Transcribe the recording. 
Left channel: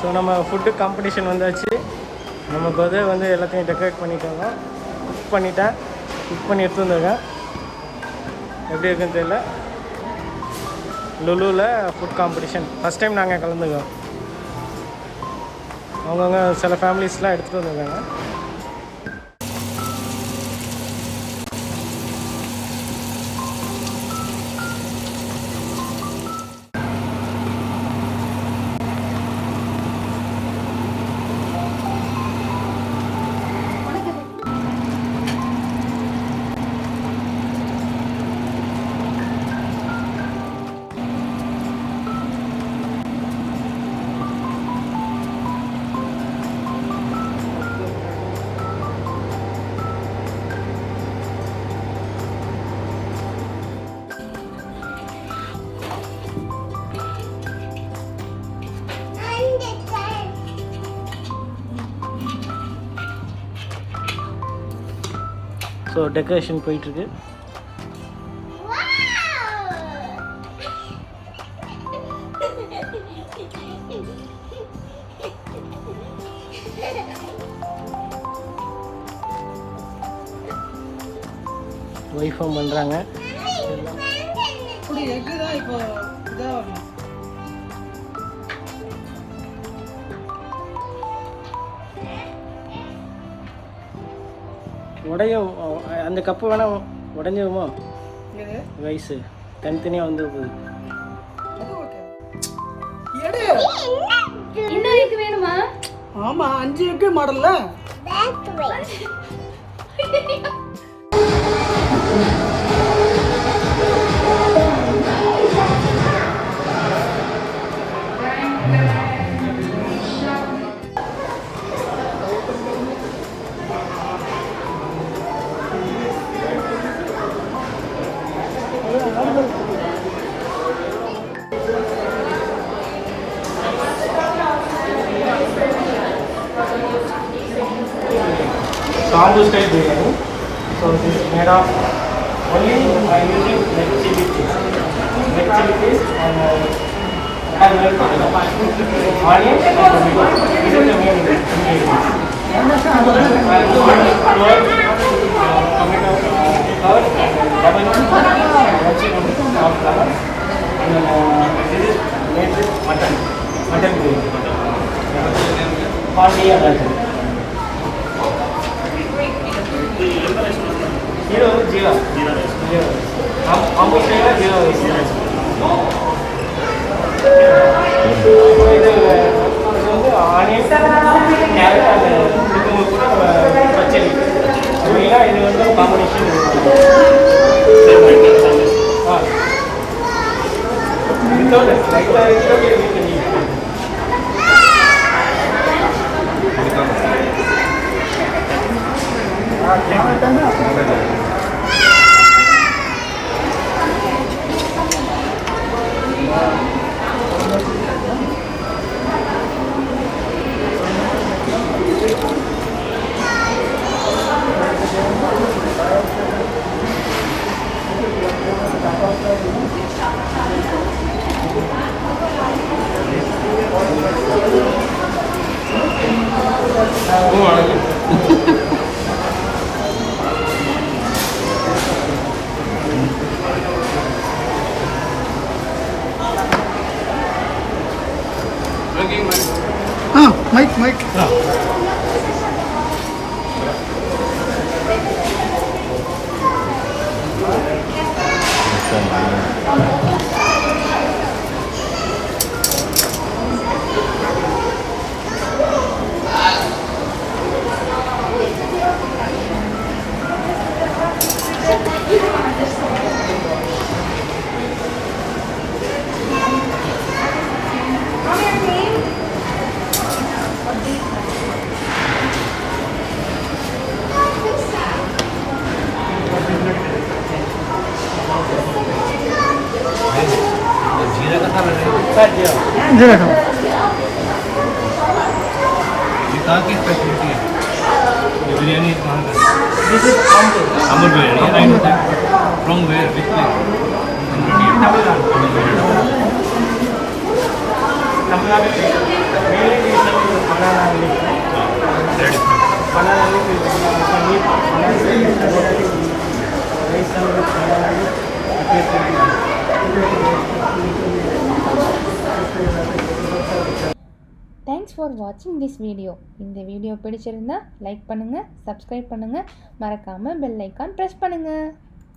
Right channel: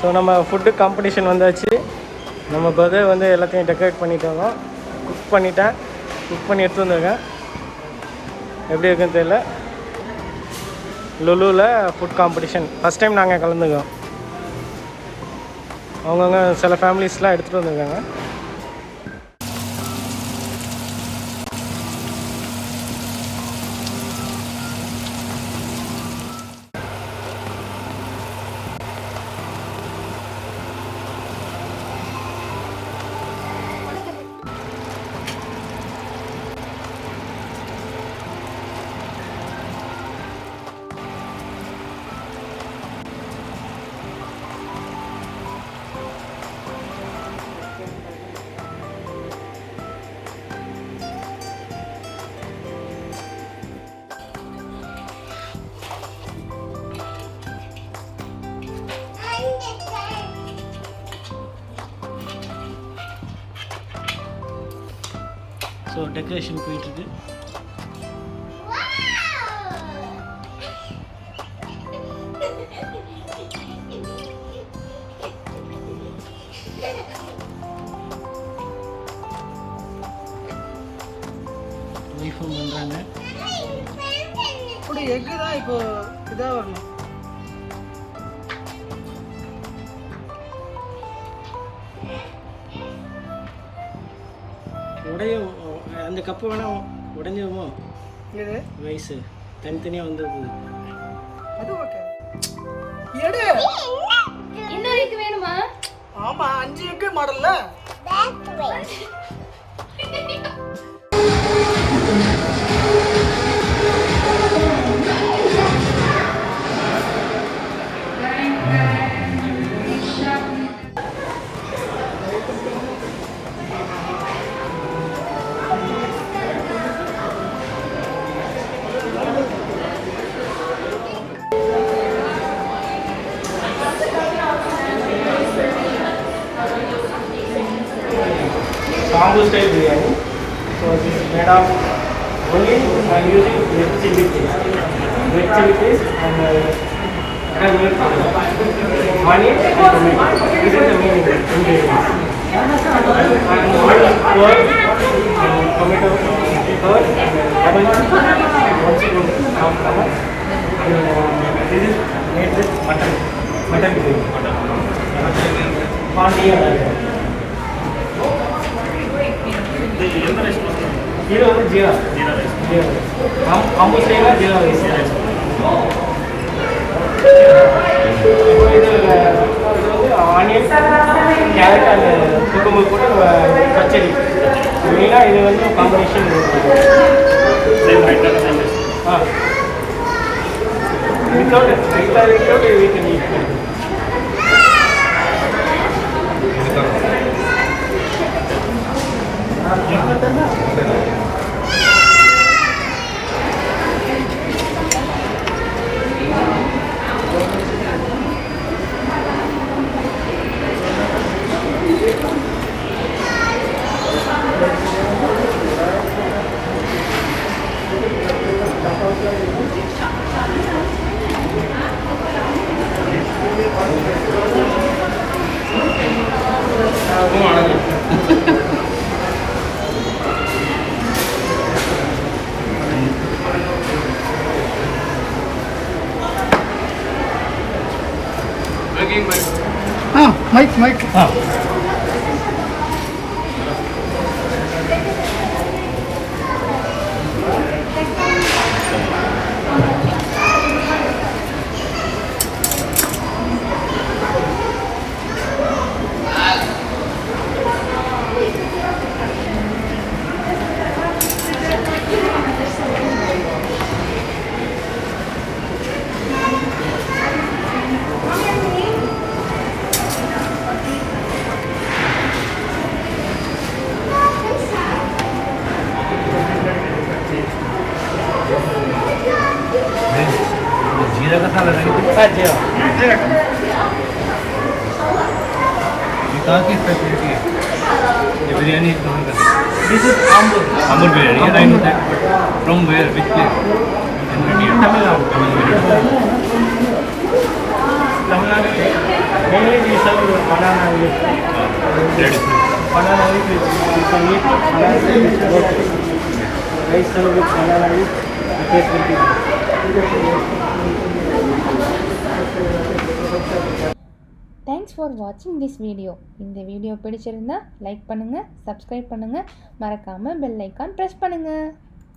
ஸோ நம்ம food competition வந்தாச்சு. நம்ம பிரதர் வந்து எல்லாத்தையும் டெக்கரேட் பண்ணிட்டாங்க. குக் பண்ணி எடுத்து வந்திருக்கேன். எப்படி இருக்குன்னு தெரியல. லுலுவில் ஃபுட் காம்படிஷன் ஃபஸ்ட் டைம் நாங்கள் கலந்துக்கிறோம். அவங்கவுங்க சில ஃபேமிலிஸ்லாம் எடுத்துகிட்டு வந்திருக்காங்க. ஸோ டெக்கரேஷன் போயிட்டுருக்கு. ஒய்ஃபும் பண்ணுறாங்க. அப்படி எக்கு தான் இப்போ இதாக வரணும். உடையும் அந்த கப்பு வேணால் உடஞ்சிருமா? ரைஸு தனித்தனியாக வந்து போகுது. ஆமாம் 5 எக்கு மாடல்ல. Combo style biryani. So this is made of only by using red chili paste and onion and tomato. This is the main ingredient. And curd, tomato, curd, lemon, this is made with mutton biryani. Party and जीरा जीरा हम उससे ना जीरा rice onion carrot அந்த சுக்குமு கூட பச்சடி மெயினாக இது வந்து combination. Without vegan eat. Mike. कहाँ की स्पेशलिटी है ये बिरयानी कहाँ का? This is Ambur biryani. From where? Which place? Tamil Nadu. Tamil Nadu side. Mainly we serve banana leaf. Banana leaf is meat. Banana leaf is goat. The rice served with banana leaf. The taste will be good. Thanks for வாட்சிங் this video. இந்த வீடியோ பிடிச்சிருந்தா லைக் பண்ணுங்கள், சப்ஸ்கிரைப் பண்ணுங்கள், மறக்காமல் bell icon press பண்ணுங்கள்.